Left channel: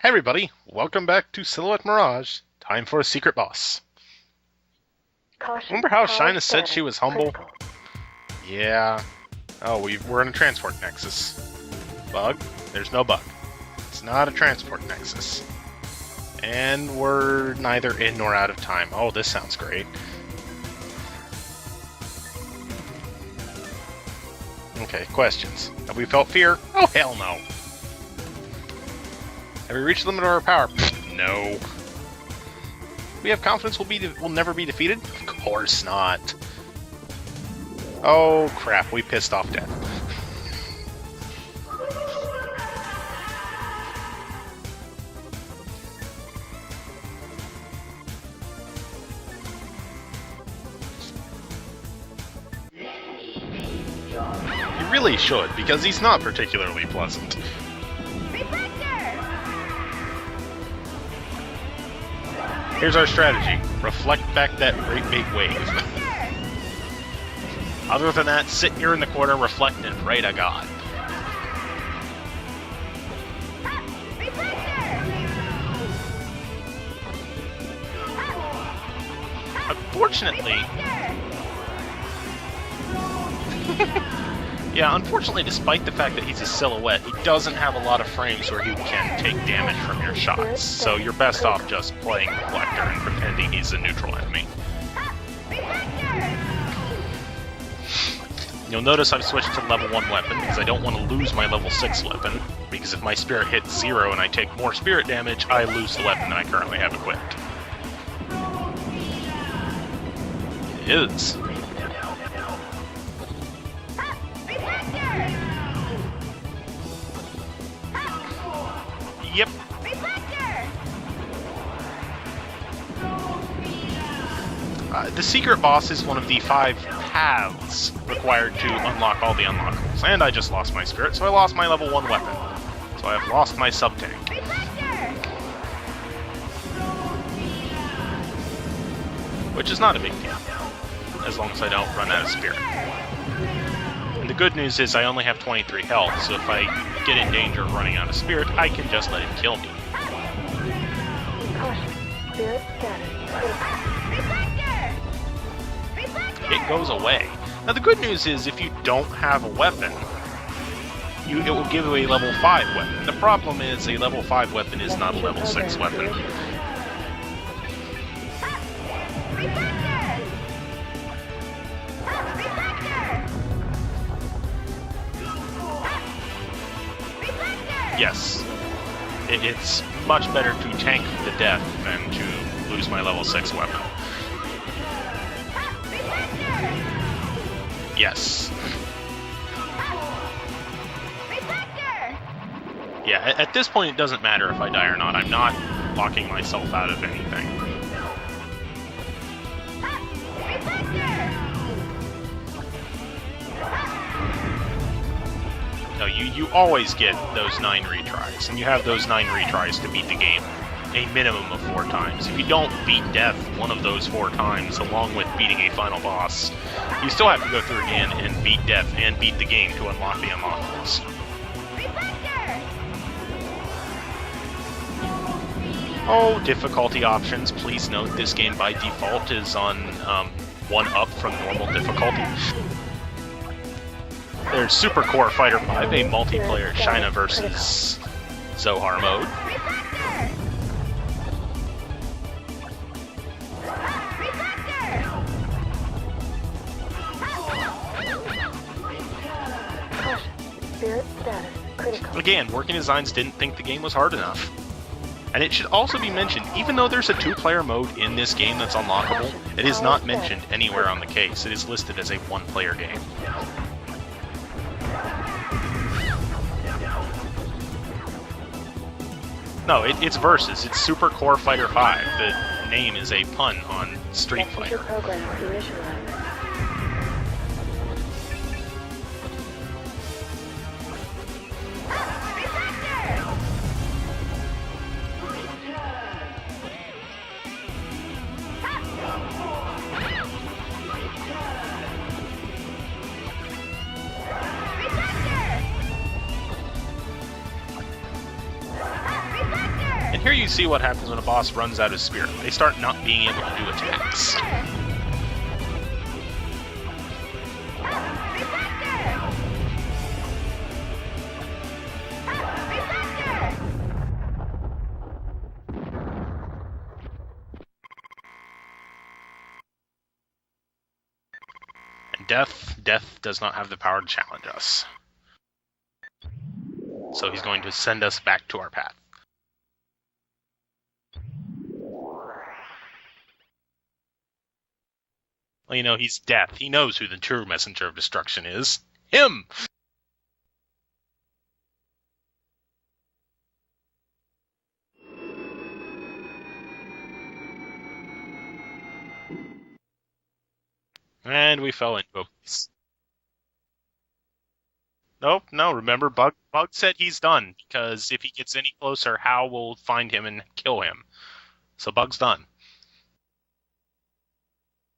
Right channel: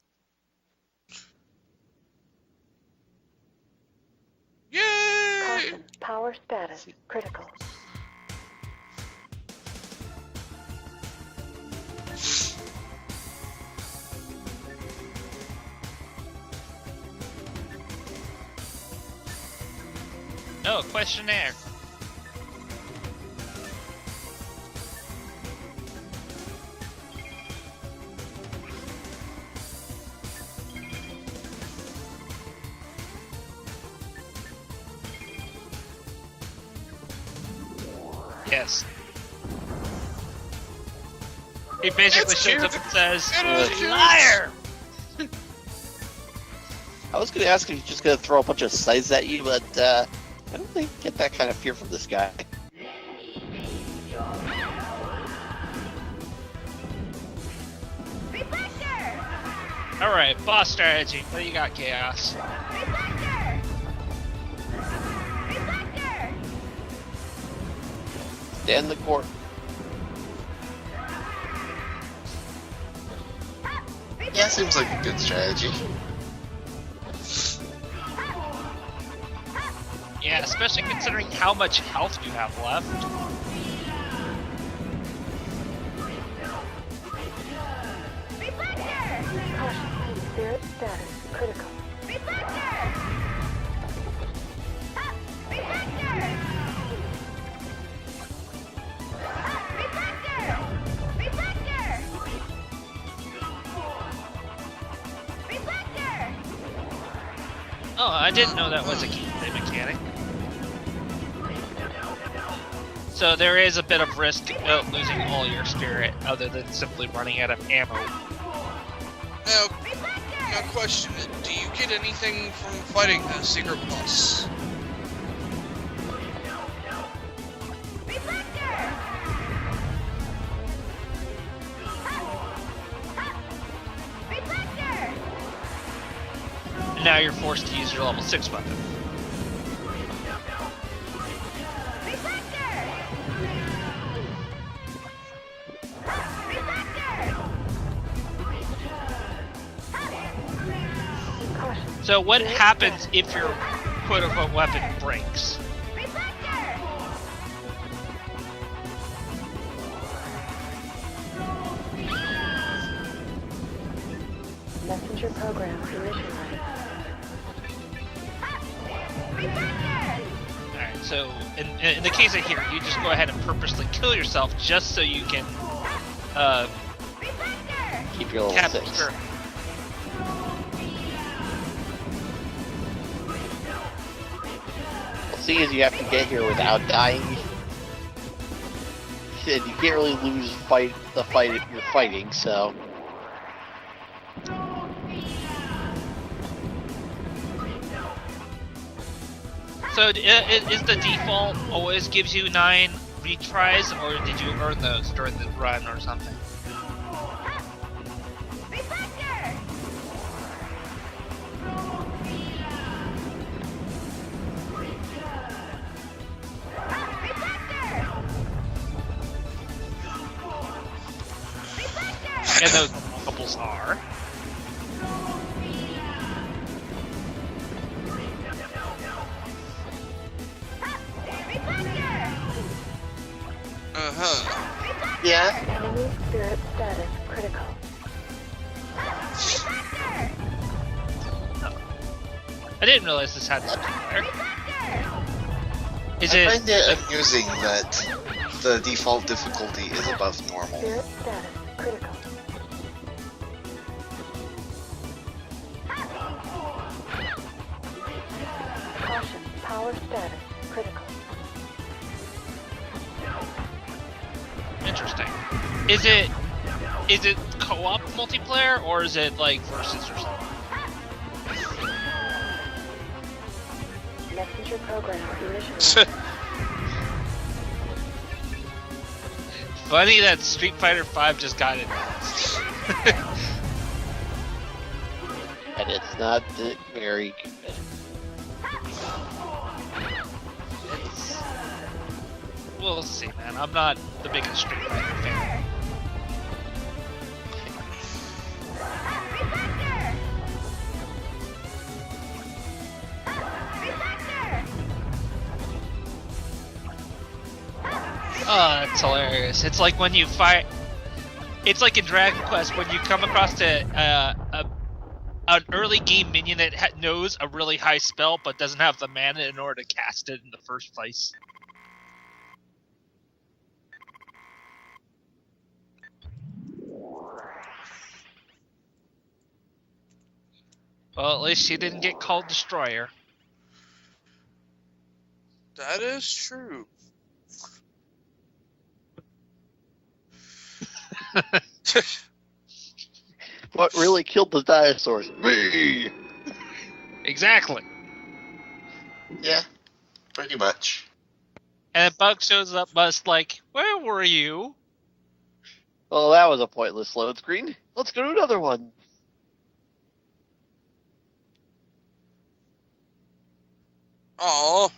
Hey everybody, welcome back to Silhouette Mirage. Time for a secret boss. Yay! Remember how Shina said she was humble? Yeah. Oh, we're in a transport nexus. Bug? There's no bug. It's not a transport nexus. And we're neither in nor out of time. Oh, this sounds great. Oh, questionnaire. Okay, questions. Have we felt fear? Oh, hell no. Have we reached the limit of our power? No. We have confidence we'll never be defeated? Of course not. Oh, yes. Crap, we pissed off Death. He basically shows up and says, liar! I was going to ask if he's just going to throw a bunch of scythes at you, but I don't think you get that kind of fear from this guy. You really should, because he's not particularly pleasant. Alright, boss strategy. What do you got, Chaos? Here's our strategy. Reflect back that great big wave. Other than that, sit here in the corner, reflect and pray to God. That seems like a good strategy. Unfortunately... Yeah, especially considering how much health you have left. Yeah, unfortunately, despite the fact that he's a silhouette, he doesn't have a lot of frames where he can take damage from your shots, so you're best off just playing Compactor and pretending he's a neutral enemy. You'll notice I've switched to level 1 weapon, because I don't want to lose my level 6 weapon, because if my spirit hits 0 and I take more spirit damage, I lose the weapon I currently have equipped. Oh, I didn't know that was a mechanic. It is. So there is a bit of risk to losing all your spirit, other than simply running out of ammo. Yep. My question is, do you get anything from fighting the secret boss? The secret boss is one of the 5 paths required to unlock all the unlockables. And I just lost my spirit, so I lost my level 1 weapon. So I have lost my sub-tank. And now you're forced to use your level 6 weapon. Which is not a big deal, as long as I don't run out of spirit. The good news is I only have 23 health, so if I get in danger of running out of spirit, I can just let him kill me. So what happens if your quote-unquote weapon breaks? It goes away. Now the good news is if you don't have a weapon, it will give you a level 5 weapon. The problem is a level 5 weapon is not a level 6 weapon. So, in the case of here, you just go ahead and purposely kill yourself just so you can, yes. It's much better to tank to death than to lose my level 6 weapon. Seeing as you have to get here without dying. Yes. You can't really lose the fighting, so... Yeah, at this point it doesn't matter if I die or not. I'm not locking myself out of anything. So, is the default always gives you 9 retries, or did you earn those during the run? Or no, you always get those 9 retries, and you have those 9 retries to beat the game a minimum of 4 times. If you don't beat death one of those 4 times, along with beating a final boss, you still have to go through again and beat death and beat the game to unlock the unlockables. And those levels are... Oh, difficulty options. Please note this game by default is on 1 up from normal difficulty. There's Super Core Fighter 5, a multiplayer China versus Zohar mode. I didn't realize this had this character. Is I it... find it amusing that the default difficulty is above normal. Again, Working Designs didn't think the game was hard enough. And it should also be mentioned, even though there's a 2-player mode in this game that's unlockable, it is not mentioned anywhere on the case. It is listed as a 1-player game. Interesting. Is it co-op multiplayer, or is it like... No, it's versus. It's Super Core Fighter 5. The name is a pun on Street Fighter. Funny that Street Fighter 5 just got it. And it's not very... We'll see. I'm not the biggest Street Fighter fan. you see what happens when a boss runs out of spirit. They start not being able to do attacks. Oh, that's hilarious. It's like when you fight. It's like in Dragon Quest when you come across an early game minion that knows a really high spell but doesn't have the mana in order to cast it in the first place. And Death does not have the power to challenge us. So he's going to send us back to our path. Well, at least she didn't get called Destroyer. Well, you know, That he's is Death. true. He knows who the true messenger of destruction is. Him! What really killed the dinosaurs? Me! Exactly. Yeah, pretty much. And we fell And into Bug shows up, Buzz like, "Where were you?" Nope, no, remember, Well, that was a Bug said pointless he's load done, screen. because Let's if do he gets another any one. closer, Hal will find him and kill him. So Bug's done. Oh,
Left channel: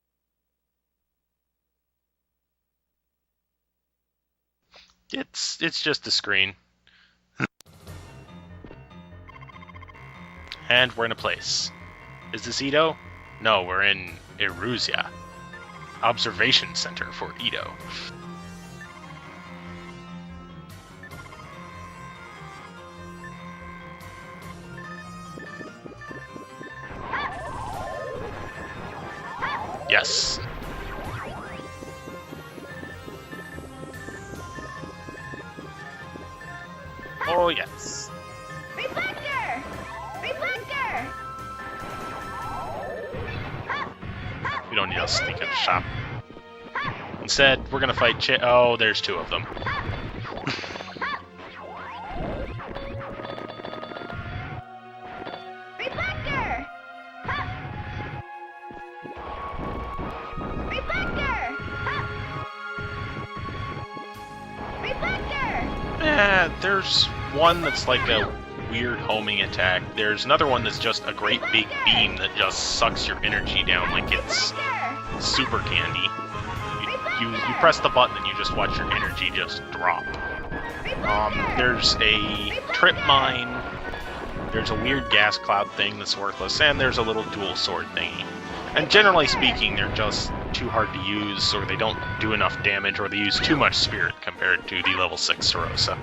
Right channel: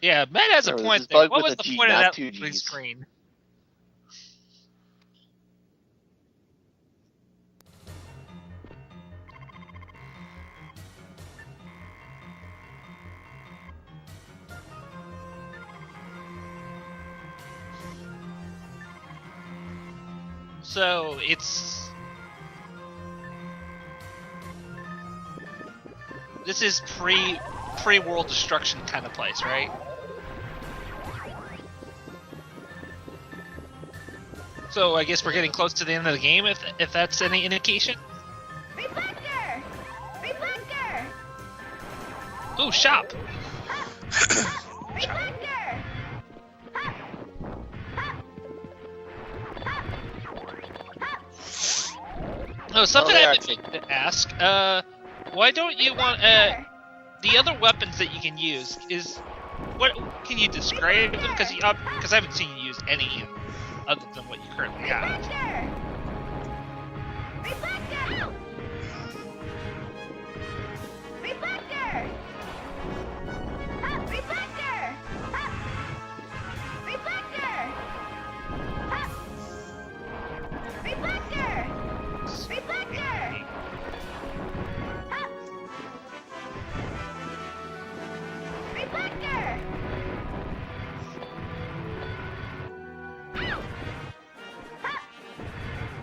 Yeah, Matt has a No, this point is there. Bug What with was a the G, point of not that two loading Gs. screen? It's just a screen. And we're in a place. Is this Edo? No, we're in Eruzia. Observation Center for Edo. So it's this is pre-world destruction kind of place, right? Yes. So I guess we're getting close to the end of the game, if that's any Oh, indication. yes. Reflector! Reflector! Oh, shop. We don't need to sneak in the shop. Instead, we're gonna fight Oh, there's two of them. Oh, something Oh, I yeah, have to ask. Why don't you want the other weapons that you can use? What can you describe them? Because I haven't seen you use any other than what you currently have. Reflector! There's one that's like a weird homing attack. There's another one that's just a great big beam that just sucks your energy down like it's Reflector! super candy. You press the button and you just watch your energy just drop. There's a trip mine, there's a weird gas cloud thing that's worthless, and there's a little dual sword thingy. And generally speaking, they're just too hard to use, or they don't do enough damage, or they use too much spirit compared to the level 6 Sorosa.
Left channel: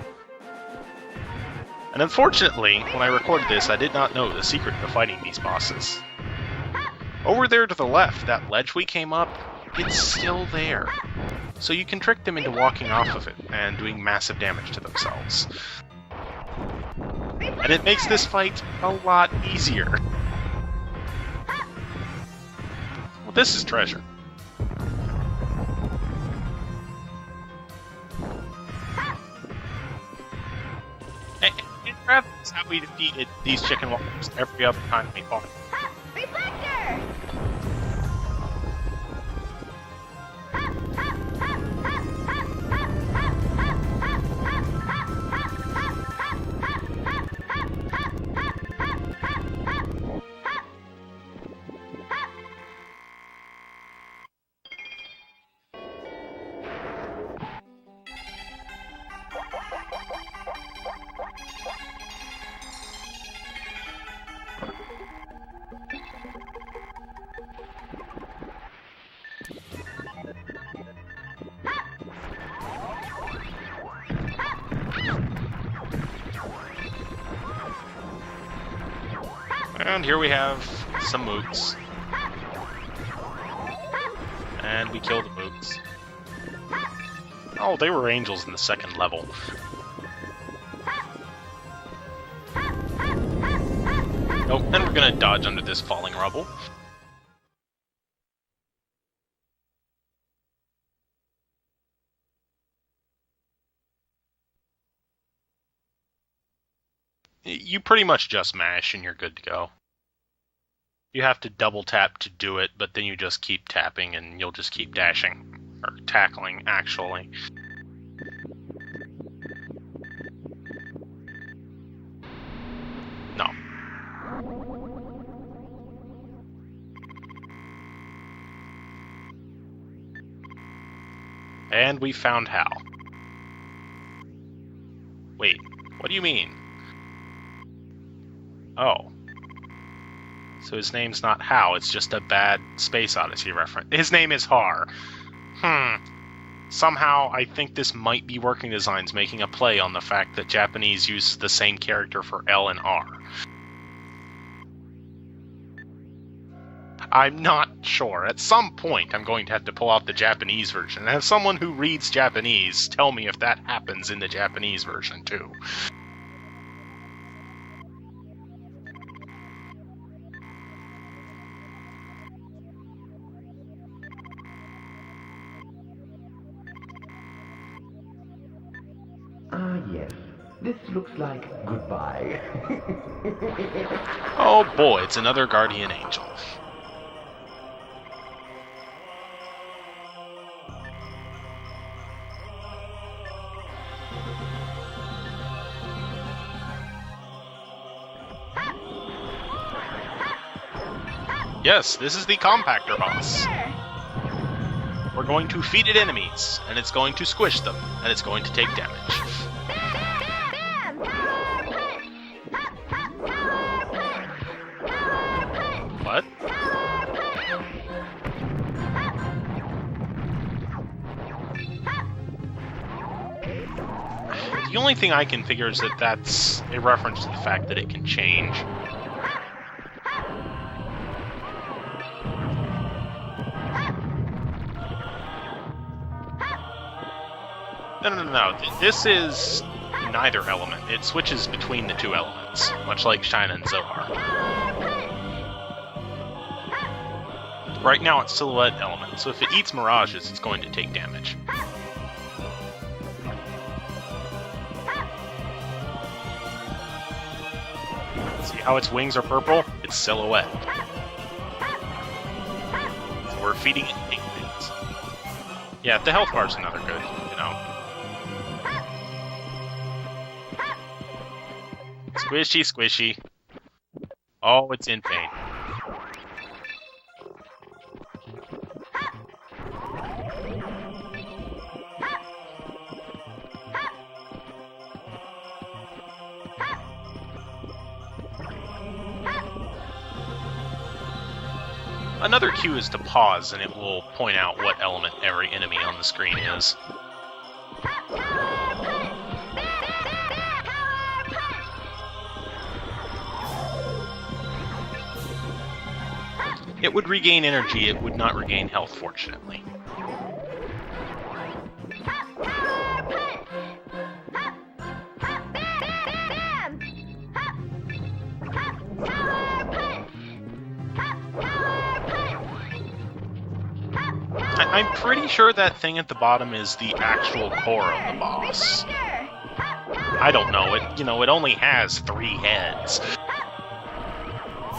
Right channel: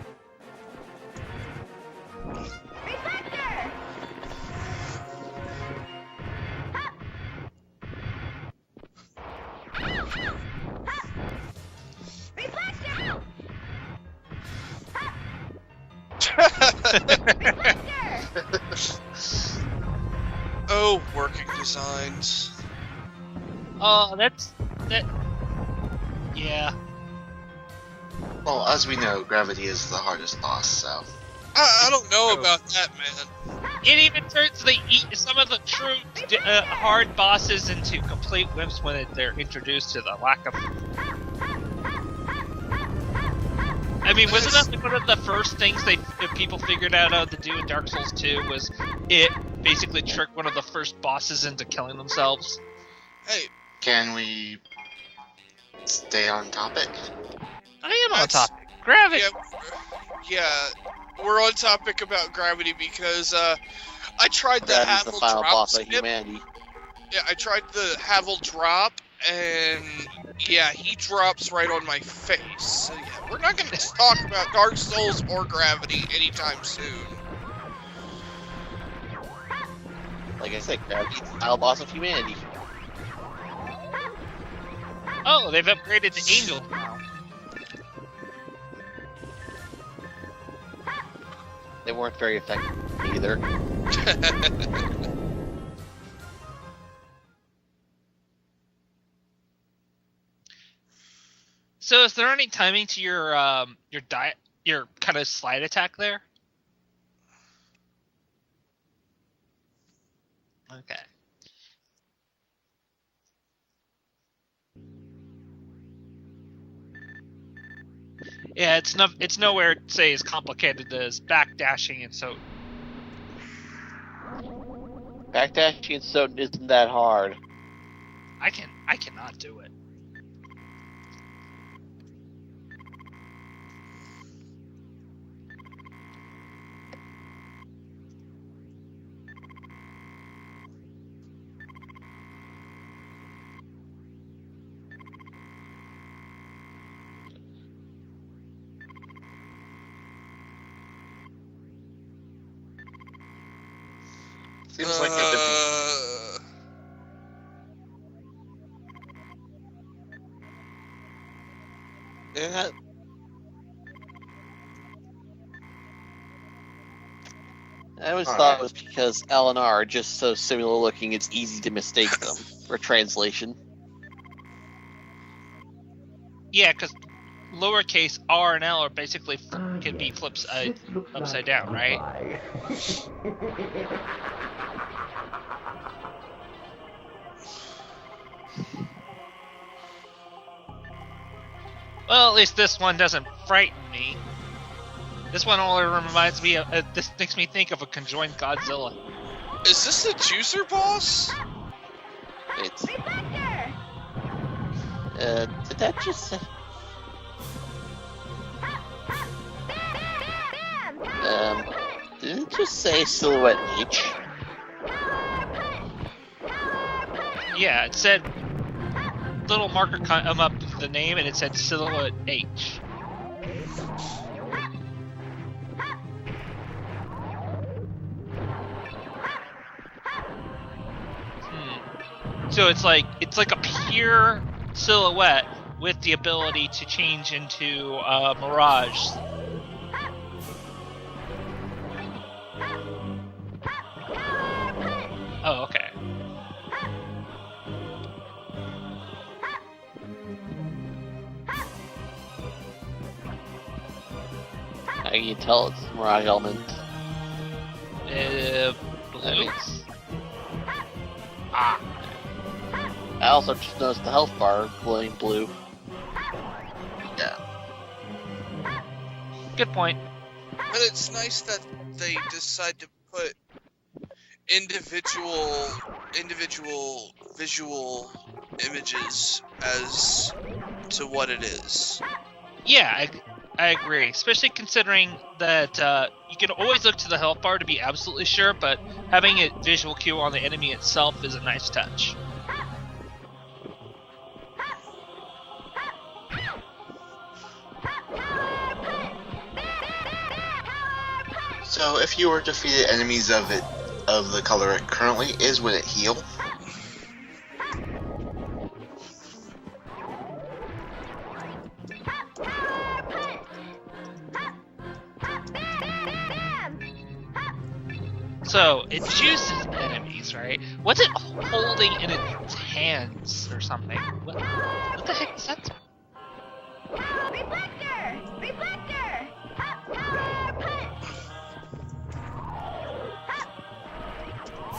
And unfortunately, when I recorded this, I did not know the secret to fighting these bosses. Over there to the left, that ledge we came up, it's still there. So you can trick them into walking off of it and doing massive damage to themselves. And it makes this fight a lot easier. oh, working designs. Well, this is treasure. Oh, that. Yeah. Well, as we know, gravity is the hardest boss, so. I don't know about We that. defeated these chicken It even monkeys turns every other time we some of fought. the true hard bosses into complete whips when they're introduced to the lack of. I mean, wasn't that one of the first things that people figured out how to do in Dark Souls 2 was it basically tricked one of the first bosses into killing themselves? Hey, Can we stay on topic? I am on That's- top. Gravity. yeah, we're on topic about gravity because I tried the That is the Havel final drop boss of skip. humanity. Yeah, I tried the Havel drop, and yeah, he drops right on my face. We're not going to talk about Dark Souls or gravity anytime soon. And here we have Like I said, that's some the moves. final boss of humanity. And we killed Oh, they've upgraded to Angel. Oh, they were angels in the second level. They weren't very effective either. Nope, and we're gonna dodge under this falling rubble. So, is there any timing to your kind of slide attack there? You pretty much just mash and you're good to go. Okay. You have to double tap to do it, but then you just keep tapping and you'll just keep dashing. Or tackling, actually. Yeah, it's nowhere say as complicated as backdashing and so. No. Backdashing so isn't that hard. I cannot do it. And we found Hal. Wait, What do you mean? Oh. So his name's not Hao, it's just a bad Space Odyssey reference. His name is Har. Somehow, I think this might be working designs making a play on the fact that Japanese use the same character for L and R. Seems like I'm not sure. At some point, I'm going to have to pull out the Japanese version and have someone who reads Japanese tell me if that happens in the Japanese version, too. I always thought it was because L and R are just so similar looking it's easy to mistake them for translation. Yeah, because lowercase r and l are basically can be flipped upside down, right? Oh boy, it's another guardian angel. Well, at least this one doesn't frighten me. This one only reminds me of. This makes me think of a conjoined Godzilla. Is this the juicer boss? Yes, this is the Compactor boss. We're Yeah. going to feed it enemies, and it's going to squish them, and it's going to take damage. Didn't it just say Silhouette H? What? Yeah, it said little marker come up with the name, and it said Silhouette H. The only thing I can figure is that that's a reference to the fact that it can change. So it's like a pure silhouette with the ability to change into No. Mirage. This is neither element. It switches between the two elements, much like Shine and Zohar. Oh, okay. Right now it's silhouette element, so if it eats mirages, it's going to take damage. How can you tell it's Mirage element? See how its wings are purple? It's silhouette. I also We're feeding noticed the health bar glowing blue. Yeah, the health bar's another good. Good point. But it's nice that they Squishy, decide to squishy. put Oh, it's in individual visual images as to what it is. Yeah, I agree. Especially considering that you can always look to the health bar to be absolutely sure, but having a visual cue on the enemy itself is a nice touch. Another cue is to pause, and it will point out what element every enemy on the screen is. So if you were defeated enemies of the color it currently is, would it heal? It would regain energy, it would not regain health, fortunately. So, it chooses enemies, right? What's it holding in its hands or something? I'm pretty sure that thing at the bottom is the actual core of the boss. I don't know, it only has 3 heads.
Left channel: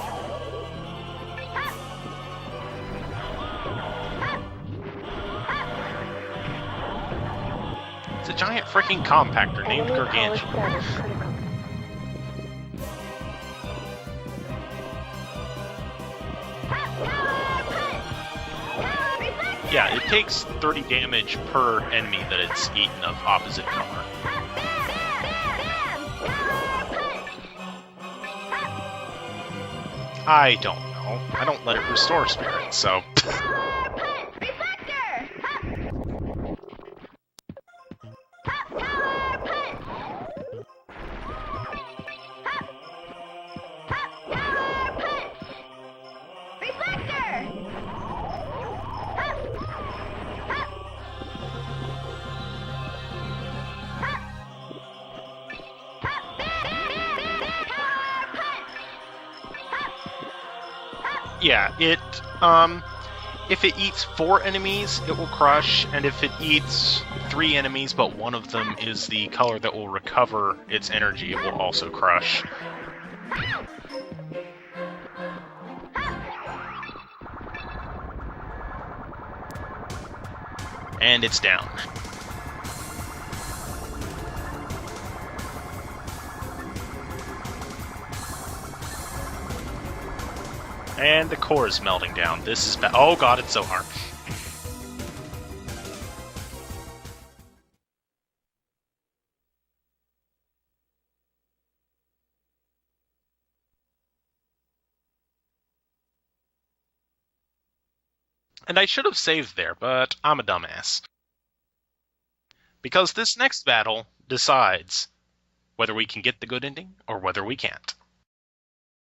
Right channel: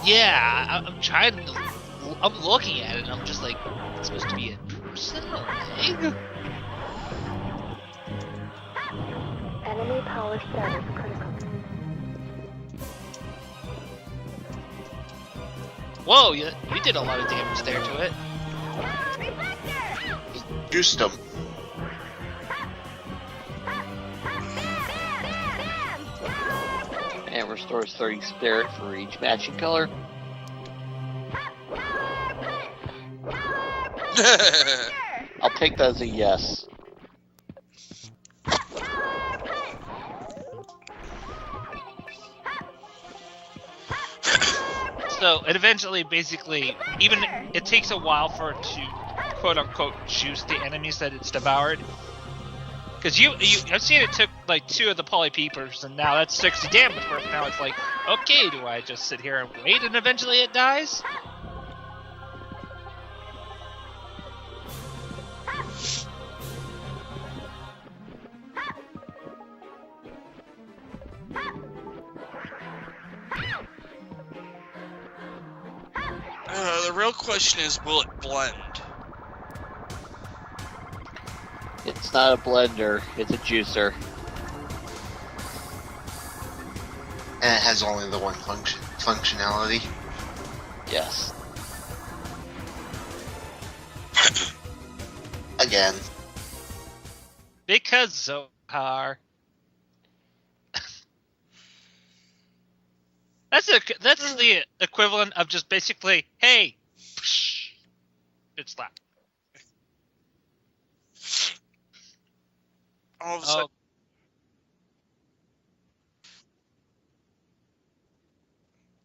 Yeah, I'm looking at it, and I'm just like, it's supposed to be a thing? It's a giant freaking compactor named Gargantuan. Whoa, you did a lot of damage there to it. Yeah, it takes 30 Do stuff. damage per enemy that it's eaten of opposite color. And restores 30 spirit for each matching color. I don't know. I don't let it restore spirit, so... I'll take that as a yes. So, it eventually, basically, even it takes a while for it to, quote-unquote, choose the enemies that it's devoured. Because I've seen it took, like, 2 of the polypeepers, and now that's 60 damage. And now it's like, okay, do I just sit here and wait, and eventually it dies? Yeah, if it eats 4 enemies, it will crush, and if it eats 3 enemies, but one of them is the color that will recover its energy, it will also crush. The real question is, will it blend? And it's down. It's not a blender, it's a juicer. And it has only the one functionality. Yes. And the core is melting down. This is oh god, it's so hard. Again. Because Zohar. That's the equivalent of just basically, hey. And I should have saved there, but I'm a dumbass. Because this next battle decides whether we can get the good ending or whether we can't.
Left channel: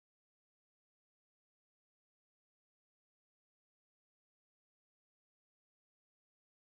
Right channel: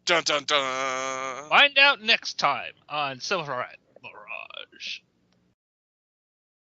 Dun dun dun. Find out next time on Silverite Mirage.